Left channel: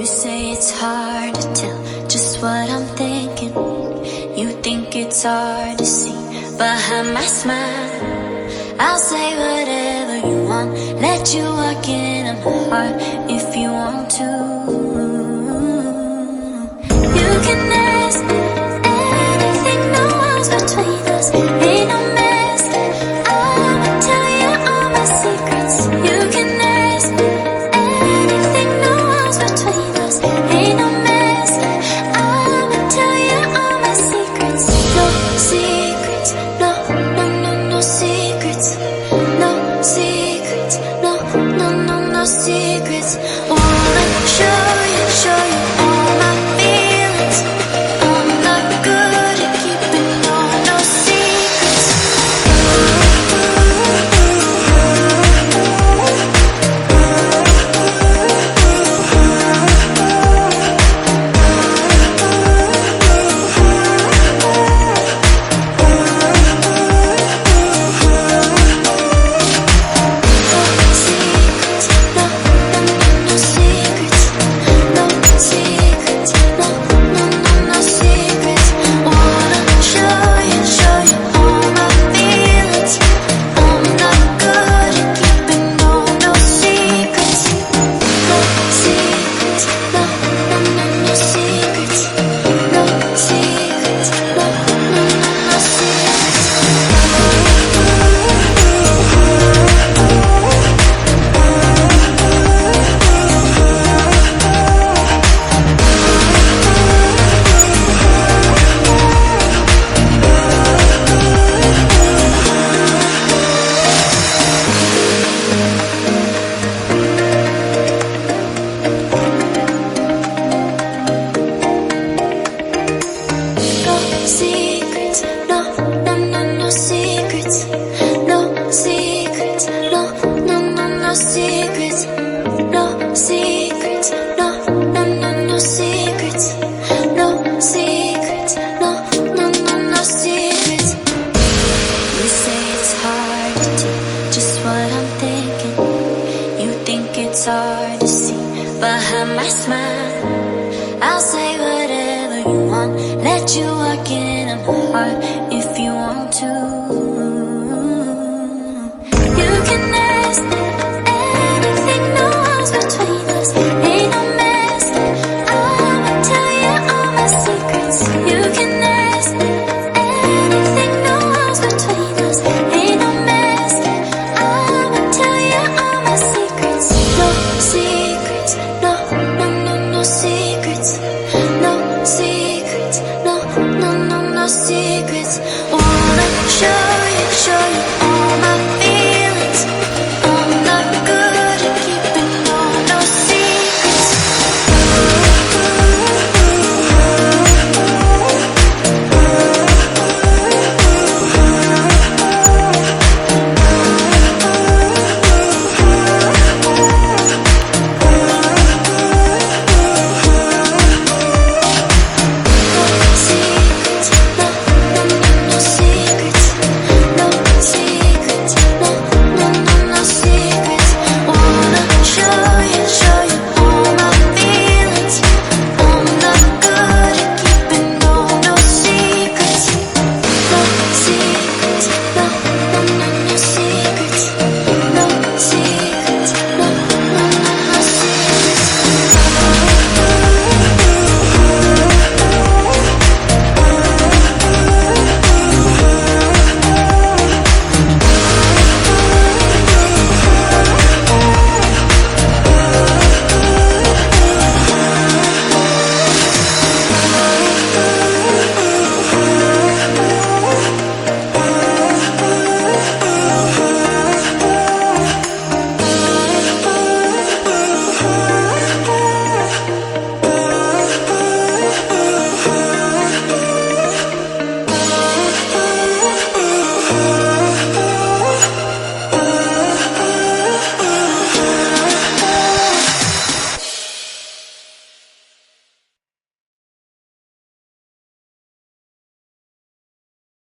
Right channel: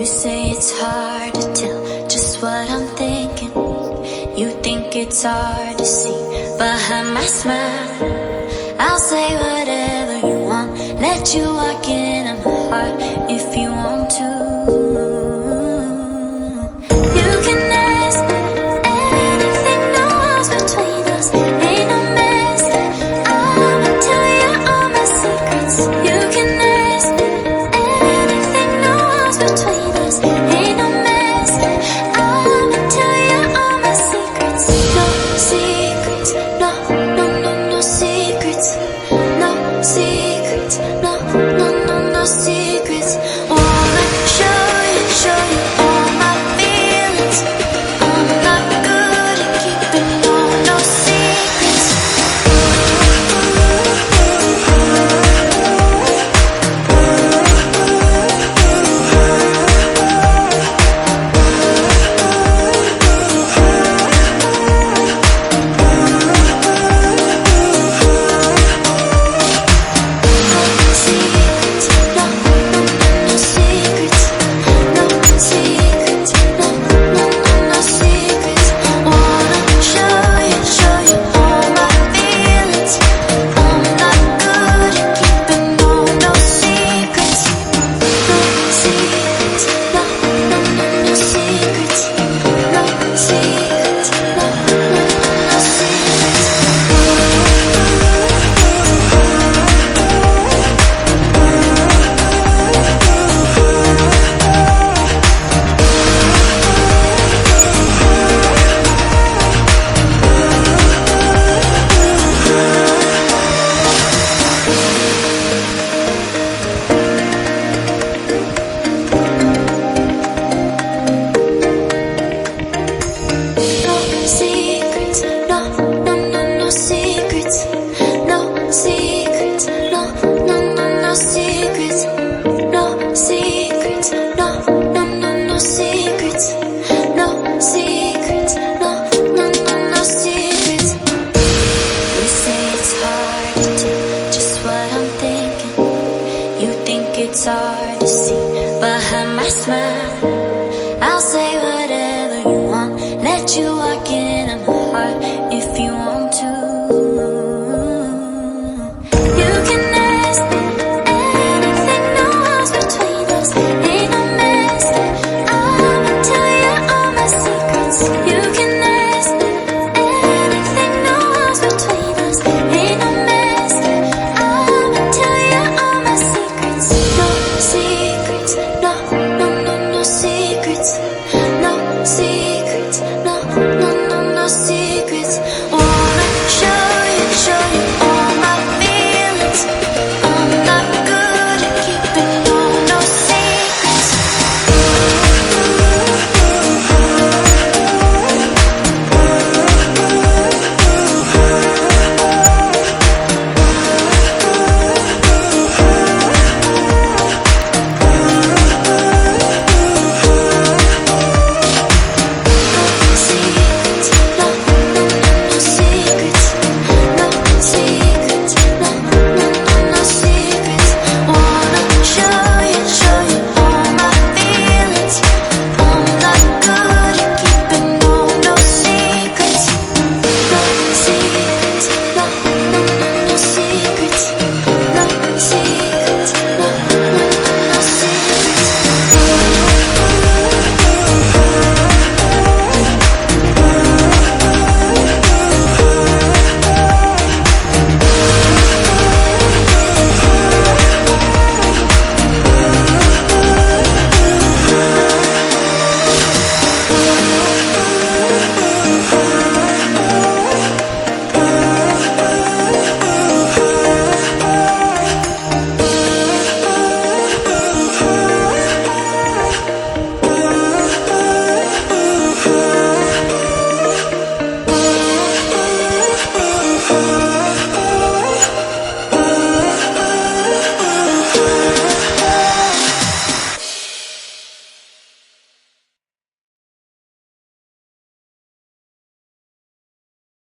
You say it's hard to tell just what I'm thinking. You think it's hard to see behind my smile. I'll say whatever you want, let you walk into my heart if you want to. You can ask anything, no walls between us, ain't no mask. I'ma tell you all my secrets. You can ask anything, no walls between us, ain't no mask. I'ma tell you all my secrets. No secrets, no, no, no, no secrets. No secrets, no, no, no, no secrets. Wanna show you all my feelings. I'm not good at keeping no secrets. Secrets, no, no, no, no secrets. No secrets, no, no, no, no secrets. No secrets, no, no, no, no secrets. No secrets, no, no, no, no secrets. You say it's hard to tell just what I'm thinking. You think it's hard to see behind my smile. I'll say whatever you want, let you walk into my heart if you want to.